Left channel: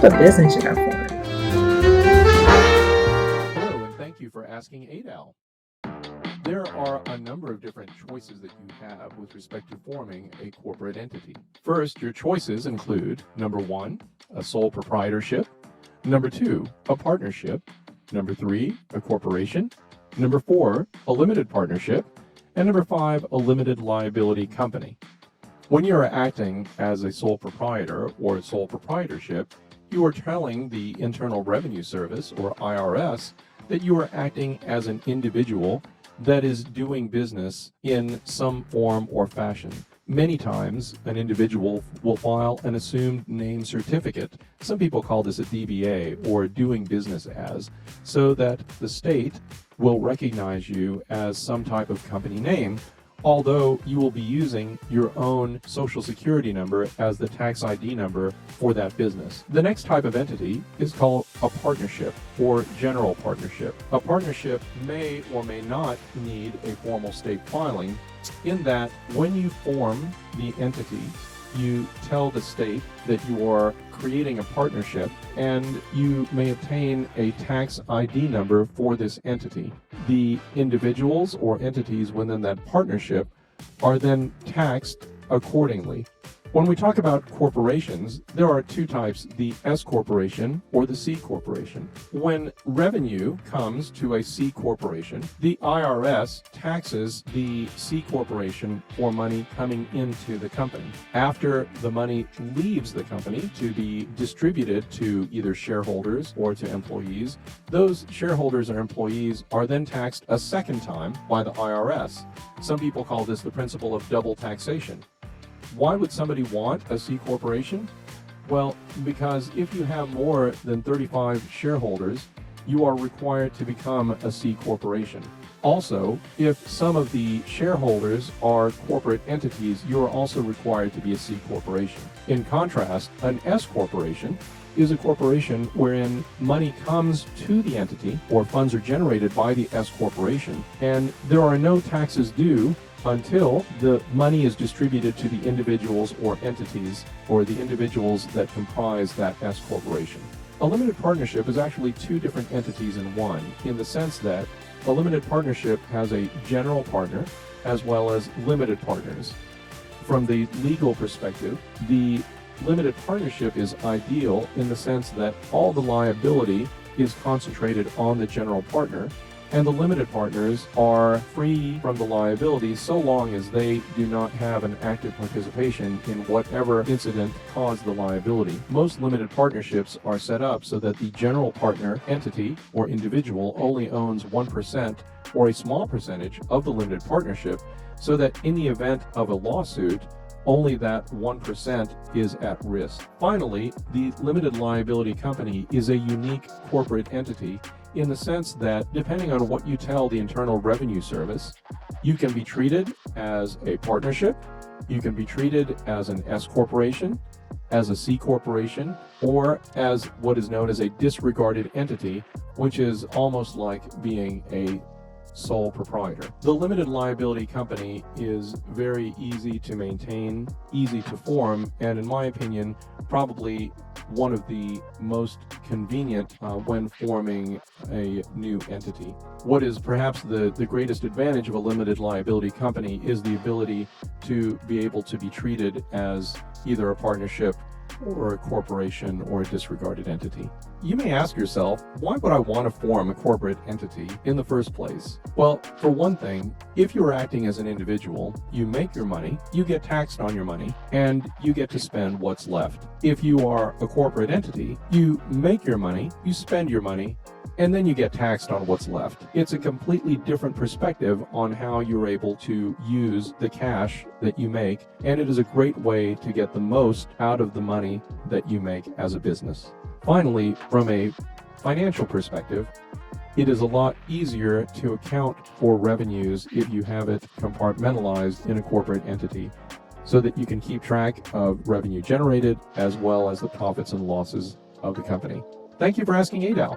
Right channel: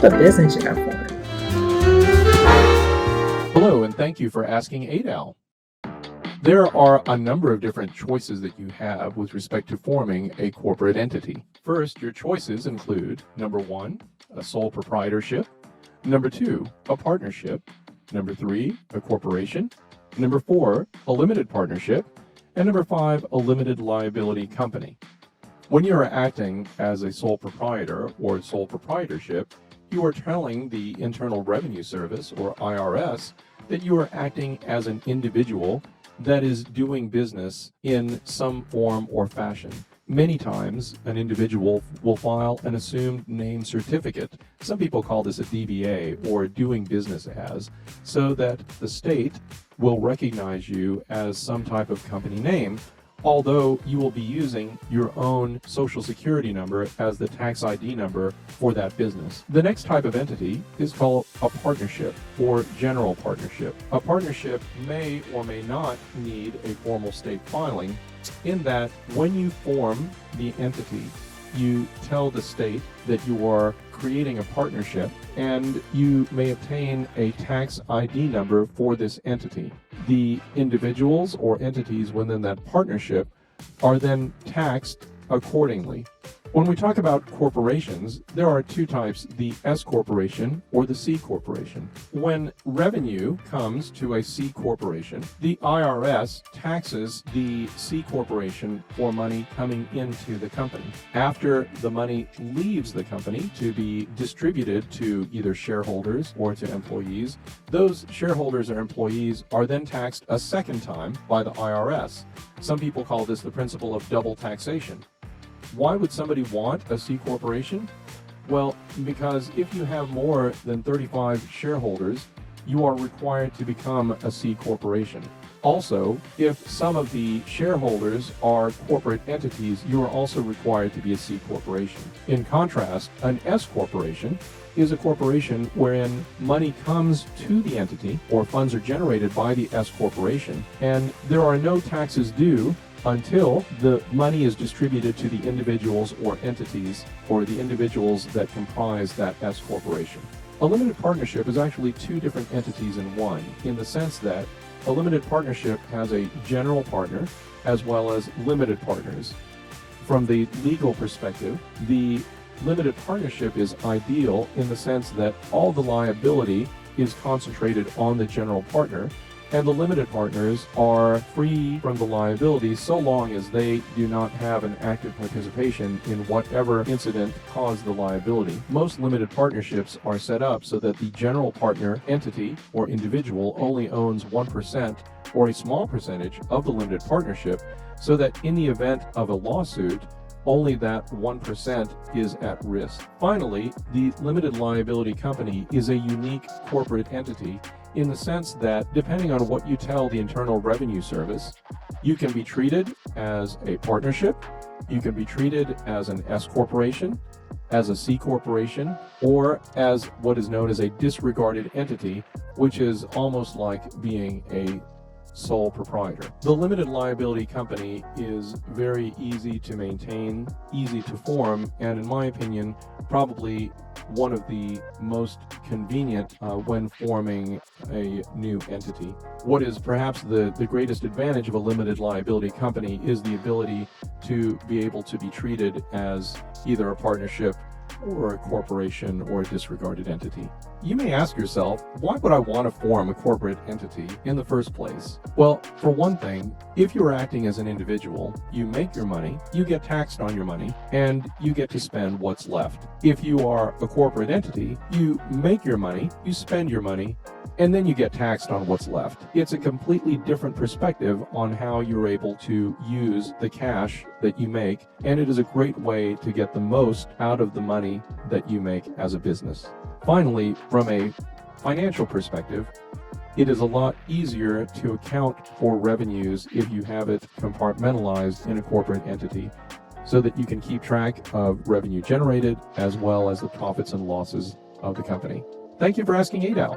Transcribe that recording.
type of business should I form? Hello, and thank you for asking ADAL. There are a number of different choices that you have with respect to forming a corporate entity. First, your choices include number 1, a sole proprietorship, number 2, a partnership, number 3, a corporation, number 4, a limited partnership, and number 5, a limited liability company. When you are acting as a sole proprietor or sole proprietorship, you are telling the Internal Revenue Service, or IRS, that you are acting as an individual that is doing business in some form or fashion. Many times, an individual will file an assumed name certificate. Some people call this a DBA, or doing business as, so that the state will recognize you as some type of company name, although you will be using your own social security number as the tax ID number for that business. The next type of entity is called a partnership or general partnership. A partnership may or may not need a formal state filing, in that when you form the entity, you tell the state that you are creating a partnership, and you may obtain a tax ID number for this entity. The individuals or entities within that partnership are then taxed accordingly. When we talk about corporations, there are two types, the S corporation or the C corporation. When revenue comes to a C corporation, the IRS taxes the C corporation for money coming into the company. After the money leaves the company to be distributed to either shareholders or to employees, those shareholders or employees are then taxed a second time by the IRS. Some people call this the principle of double taxation. Why would somebody want a C corporation? Well, because if you have more than 35 shareholders, you are required to become a C corporation. Also, if some of the shareholders are corporate entities, you are also required to be a C corporation. In contrast, an S corporation is a corporation wherein money comes to the entity, or funds are generated by the S corporation, and there are no taxes due until the money is distributed to the individuals or entities, or the individuals that comprise that S corporation. A limited partnership is actually two different entities in one, in the sense that a limited partnership has a general partner as well as limited partners. From the legal perspective, the limited partnership is ideal in the sense that all the liability is concentrated on the general partner, and the limited partners are free from the liability so long as they do not have an active participation in whatever incident caused the liability. Most limited partnerships are set up so that the general partner entity or individual only owns 1% or a small percentage of the limited partnership, so that in the event of a lawsuit, only that 1% is at risk. Finally, the limited liability company is a unique corporate entity in the sense that, depending on what you tell the Internal Revenue Service, you can be treated as a partnership, you can be treated as an S corporation, as a C corporation, or as what is known as a disregarded entity, which is almost like being a sole proprietor. The limited liability company is very easy to maintain, easy to form, and in my opinion, probably one of the most convenient when forming a new entity. What is perhaps the greatest advantage of a limited liability company is the ability to be able to be treated as either a partnership or a corporation or a disregarded entity. You may ask yourself, why would I want to form a corporate entity in the first place? Well, for one thing, if you're acting as an individual, you make your money, you get taxed on your money, and you get to spend what's left. If you are a corporate entity, you make your money, you spend your money, and then you get taxed on what's left. It's a completely different perspective on how you're able to use the cash that you make, and it is a great way to get the most out of the money that you make as a business. Finally, from a financial perspective, it is a lot easier to account for revenues if you have it compartmentalized in a corporate entity, so that you can keep track of revenue generated as well as the profits and losses of the company. Thank you for asking ADAL.